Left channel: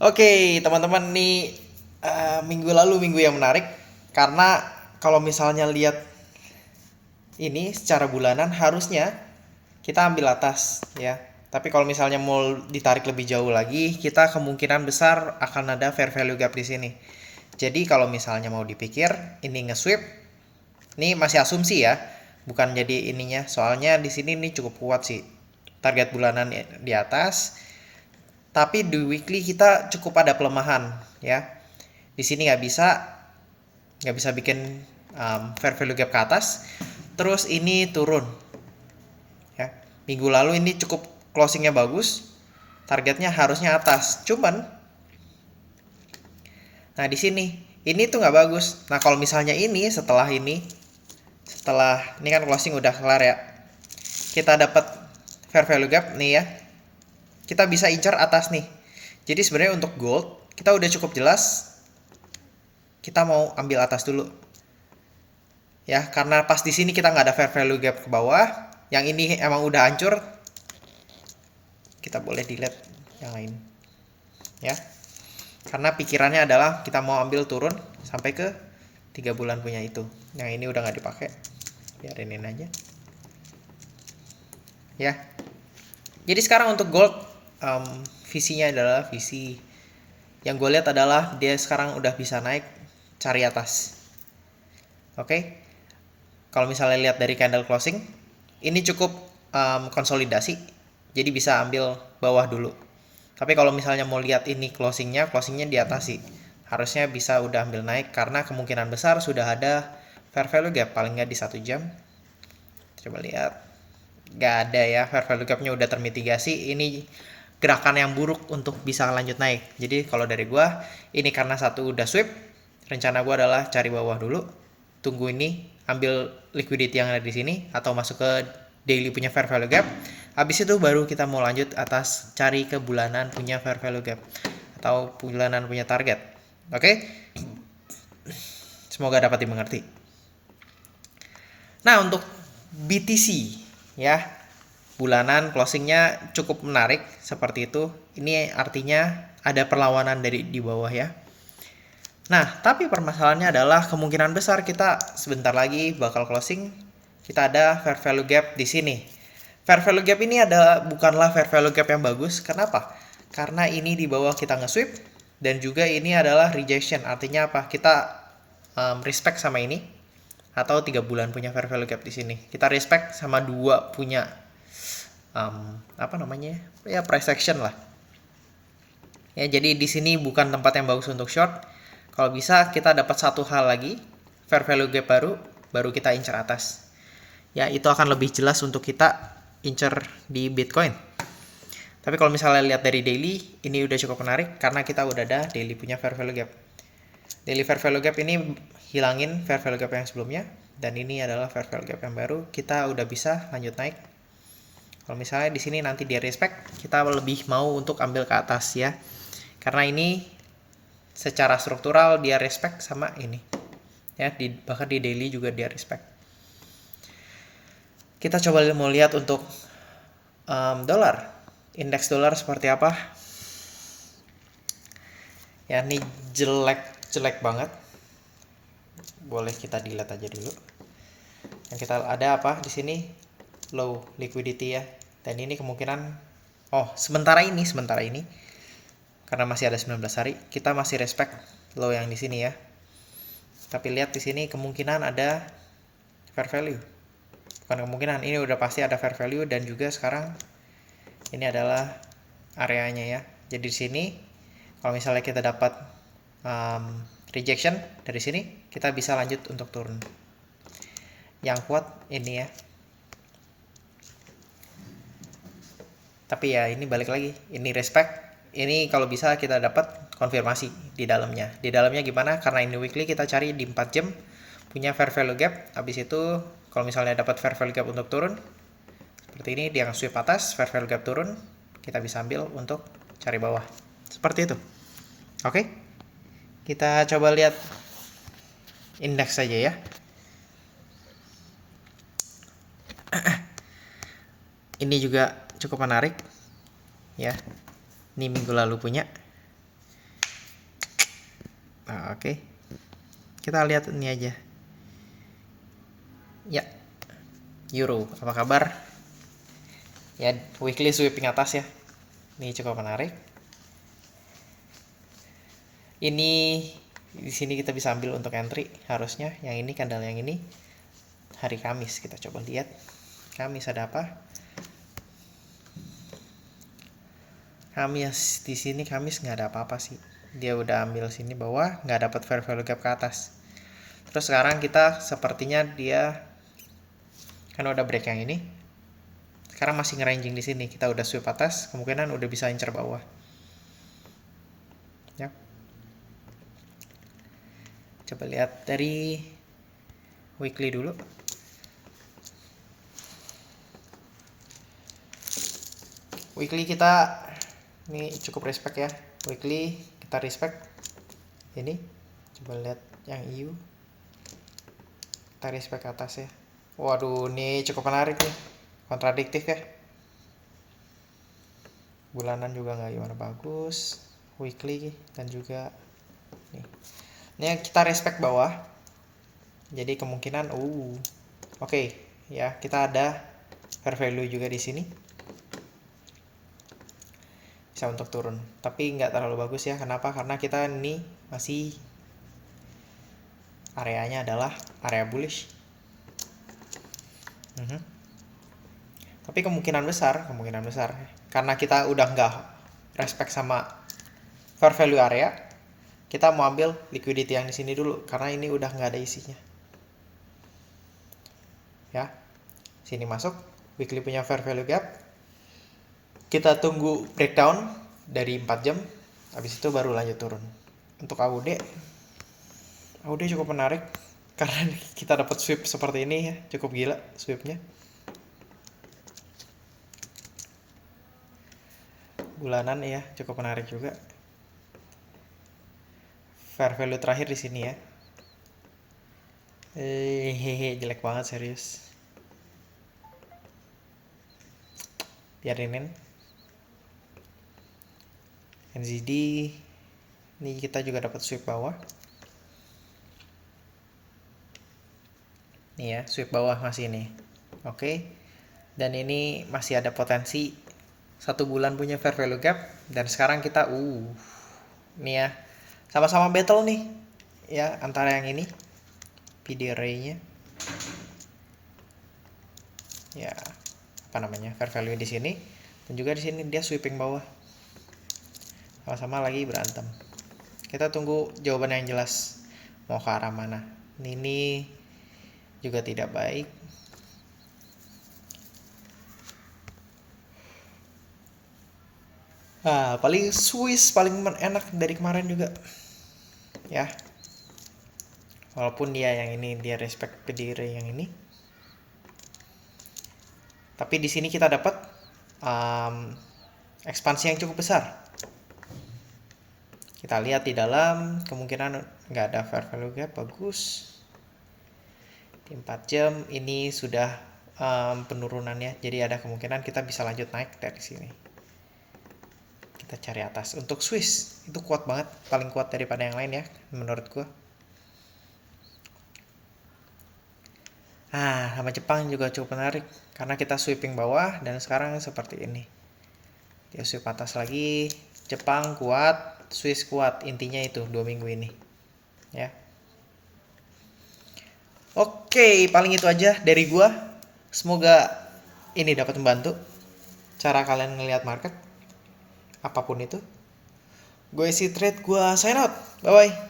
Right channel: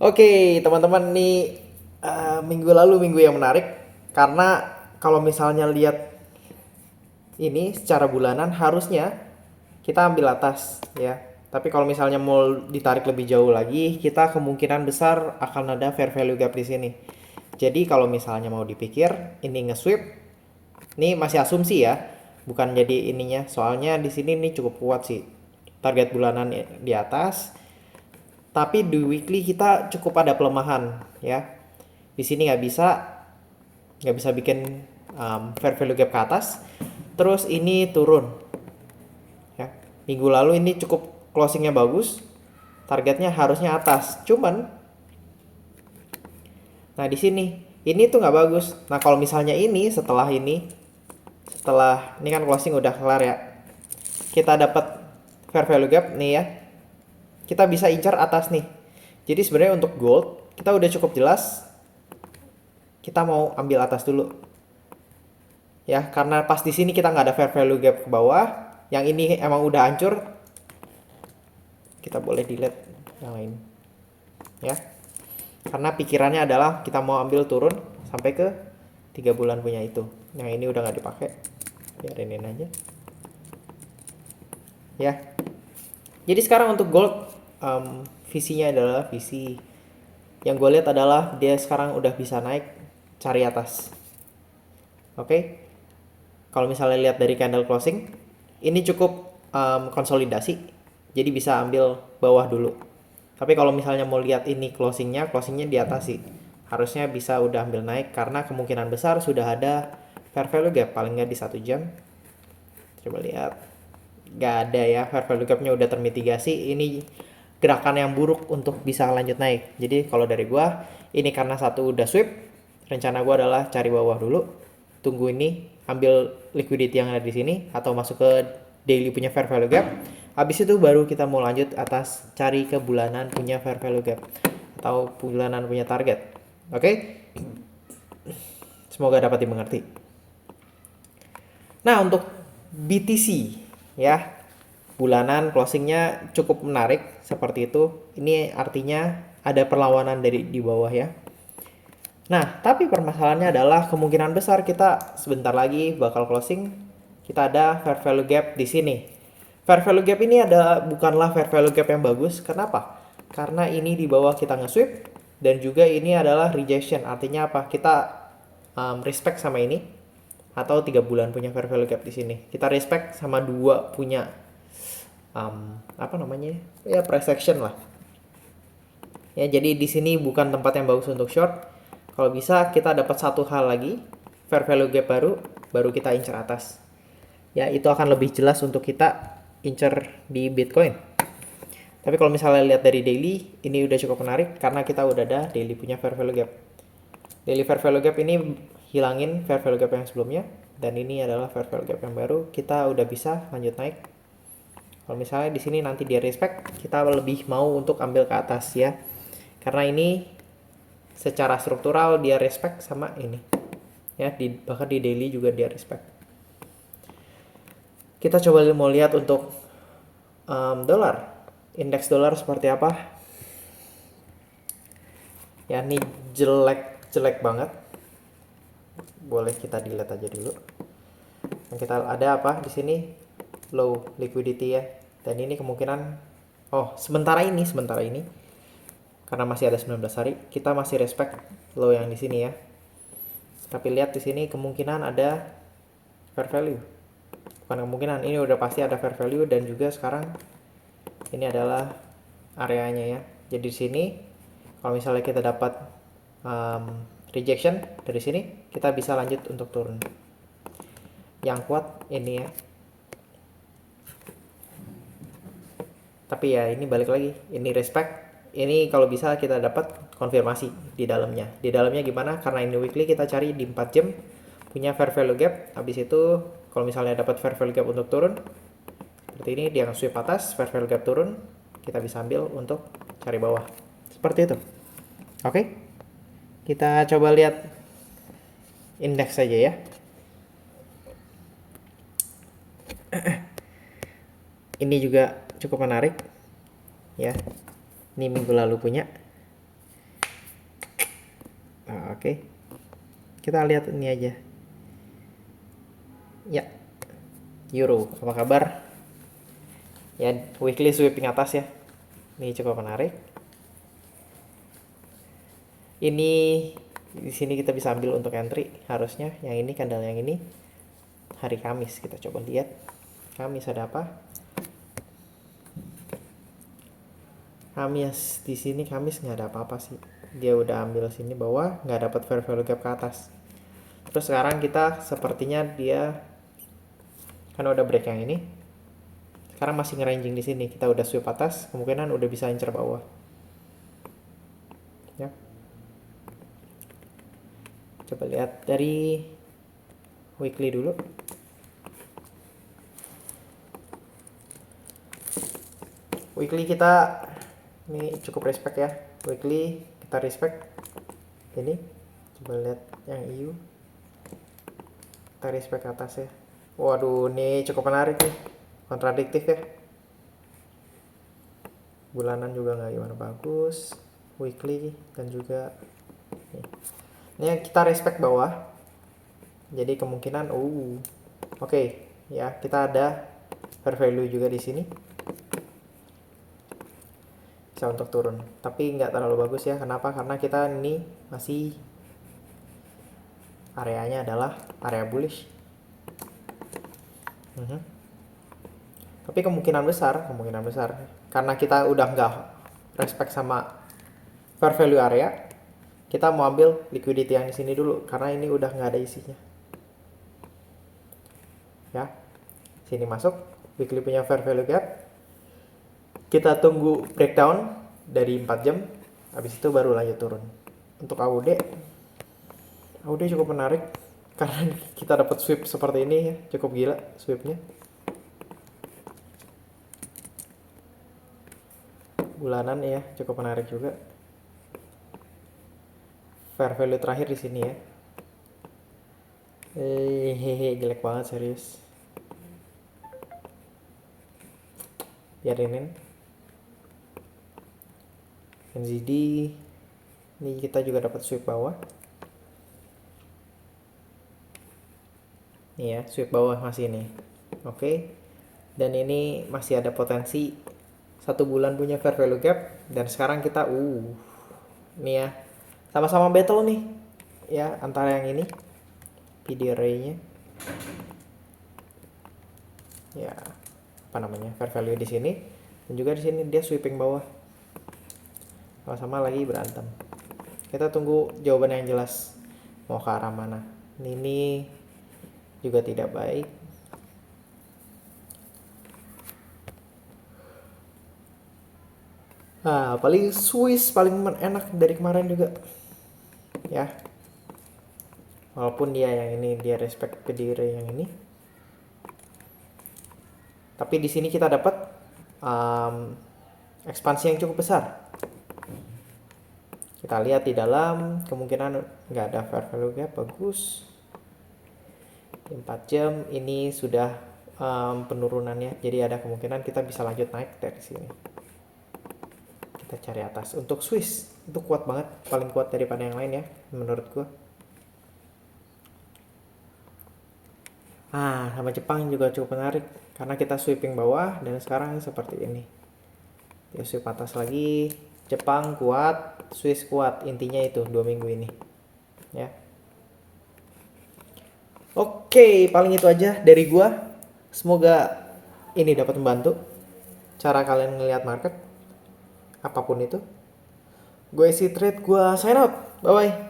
Oke, teman-teman nih minggu lalu minggu yang menarik karena kalau misalnya lihat ini secara bulanan harusnya kita ambil atas ya. Tapi kalau misalnya mau ditarik lebih jauh lagi, kita kemungkinan besar akan ada fair value gap di sini. Jadi kalau misalnya mau dipikir ini nge-sweep, ini masih asumsi ya, bukan jadi ininya. Soalnya di sini ini cukup kuat sih. Target bulanan di atas, tapi di weekly kita cukup ada pelemahan ya. Di sini nggak bisa bikin fair value gap ke atas. Terus ini turun ya. Minggu lalu ini cukup closingnya bagus, targetnya harusnya atas. Cuman, nah di sini ini tuh nggak bagus. Nah kalau misalnya setelah ini kan closing udah kelar ya, kita dapat fair value gap nih ya, kita bisa incar atas nih. Jadi sebenarnya untuk gold kita udah cukup jelas kita mau ambil atas dulu ya, karena pas di sini kita nggak ada fair value gap ke bawah. Yang ini emang udah hancur, kita boleh delete yang lain ya, karena pikirannya adalah kita mau ambil turun sampai ke 3 bulan punya itu. Yang ini udah nggak dipakai, biarin aja ya. Jadi sekarang untuk gold, visinya adalah visi yang gue lihat adalah dia sekarang udah bisa naik, cari atas. Oke, kalau misalnya lihat dari candle closing ini cukup konsolidasi, jadi bisa ambil bawah dulu. Tapi kalau misalnya mau lihat ini closingnya di atas sih, harusnya bisa udah ambil naik karena kemungkinan besar sudah ada fair value gap paling nggak di 1 jam. Coba lihat, nggak ada ya, fair value gapnya udah termitigasi. Ini gerakan yang buruk untuk bisa lanjut naik. Jadi kalau dari gua ini karena satu udah sweep, rencana gua adalah cari bawah dulu, tunggu ini ambil liquidity yang ada di sini atau masuk ke daily punya fair value gap. Habis itu baru kita mau lanjut atas, cari ke bulanan punya fair value gap atau bulanan punya target. Oke? Semoga dapat dimengerti. Nah, untuk BTC ya, bulanan closingnya cukup menarik seperti itu. Ini artinya ada perlawanan dari di bawah ya. Nah, tapi permasalahannya adalah kemungkinan besar kita sebentar lagi bakal closing. Kita ada fair value gap di sini. Fair value gap ini bukanlah fair value gap yang bagus. Kenapa? Karena ini di bawah kita nge-sweep dan juga ini adalah rejection. Artinya apa? Kita respect sama ini atau 3 bulan punya fair value gap di sini. Kita respect sama 2 punya apa namanya? Ya price action lah. Ya, jadi di sini bukan tempat yang bagus untuk short. Kalau bisa kita dapat satu hal lagi, fair value gap baru kita incer atas. Ya, itu akan lebih jelas untuk kita incer di Bitcoin. Tapi kalau misalnya lihat dari daily, ini udah cukup menarik karena kita udah ada daily punya fair value gap. Daily fair value gap ini hilangin fair value gap yang sebelumnya, dan ini adalah fair value gap yang baru. Kita udah bisa lanjut naik. Kalau misalnya di sini nanti dia respect, kita lebih mau untuk ambil ke atas ya. Karena ini secara struktural dia respect sama ini. Ya, bahkan di daily juga dia respect. Kita coba mau lihat untuk dolar. Indeks dolar seperti apa? Ya, ini jelek banget. Boleh kita delete aja dulu. Yang kita ada apa di sini? Low liquidity ya. Dan ini kemungkinan sementara ini karena masih ada 19 hari, kita masih respect low yang di sini ya. Tapi lihat di sini kemungkinan ada fair value. Bukan kemungkinan, ini udah pasti ada fair value, dan juga sekarang ini adalah areanya ya. Jadi di sini kalau misalnya kita dapat rejection dari sini, kita bisa lanjut untuk turun. Yang kuat ini ya. Tapi ya ini balik lagi, ini respect. Ini kalau bisa kita dapat konfirmasi di dalamnya. Di dalamnya gimana? Karena ini weekly, kita cari di 4 jam punya fair value gap. Habis itu kalau misalnya dapat fair value gap untuk turun seperti ini, dia nge-sweep atas, fair value gap turun, kita bisa ambil untuk cari bawah. Seperti itu. Oke. Kita coba lihat indeks saja ya. Ini juga cukup menarik ya. Ini minggu lalu punya. Oke. Kita lihat ini aja. Ya, euro, apa kabar? Ya, weekly sweeping atas ya. Ini cukup menarik. Ini di sini kita bisa ambil untuk entry harusnya. Yang ini candle yang ini hari Kamis, kita coba lihat. Kamis ada apa? Kamis di sini Kamis nggak ada apa-apa sih. Dia udah ambil sini bawah, nggak dapat fair value gap ke atas. Terus sekarang kita sepertinya dia kan udah break yang ini. Sekarang masih ngeranging di sini. Kita udah sweep atas, kemungkinan udah bisa incer bawah. Ya. Coba lihat dari weekly dulu. Weekly kita ini cukup respect ya. Weekly kita respect. Ini coba lihat yang EU. Kita respect atas ya. Waduh, ini cukup menarik nih. Kontradiktif ya. Bulanan juga nggak gimana bagus. Weekly dan juga nih. Ini kita respect bawah. Jadi kemungkinan oke, ya, kita ada fair value juga di sini. Bisa untuk turun. Tapi nggak terlalu bagus ya. Kenapa? Karena kita ini masih areanya adalah area bullish. Tapi kemungkinan besar karena kita udah nggak respect sama fair value area, kita mau ambil liquidity yang di sini dulu karena ini udah nggak ada isinya. Ya, sini masuk weekly punya fair value gap. Kita tunggu breakdown dari 4 jam, habis itu baru lanjut turun. Untuk AUD cukup menarik karena kita dapat sweep seperti ini ya, cukup gila sweepnya. Bulanan ya, cukup menarik juga. Fair value terakhir di sini ya. Jelek banget serius. Biarinin. NZD ini kita juga dapat sweep bawah. Nih ya, sweep bawah masih ini. Oke. Dan ini masih ada potensi 1 bulan punya fair value gap dan sekarang kita nih ya. Sama-sama battle nih. Ya, antara yang ini PD array-nya. Ya, apa namanya? Fair value di sini dan juga di sini dia sweeping bawah. Sama-sama lagi berantem. Kita tunggu jawaban yang jelas mau ke arah mana. Ini juga tidak baik. Paling Swiss paling enak dari kemarin juga. Ya. Walaupun dia yang ini dia respect ke diri yang ini. Tapi di sini kita dapat ekspansi yang cukup besar. Kita lihat di dalam kemungkinan nggak ada fair value gap, bagus. Di 4 jam ini sudah penurunannya, jadi ada kemungkinan kita bisa lanjut naik dari sini. Kita cari atas. Untuk Swiss itu kuat banget, paling kuat daripada yang lain ya menurut gua. Sama Jepang juga cukup menarik karena kita sweeping bawah dan sekarang seperti ini. Dia sweep atas lagi. Jepang kuat, Swiss kuat. Intinya itu 2 minggu ini. Ya. Oke, paling itu aja dari gua. Semoga ini dapat membantu cara kalian ngelihat market apapun itu. Gue isi trade, gue sign out. Bye bye.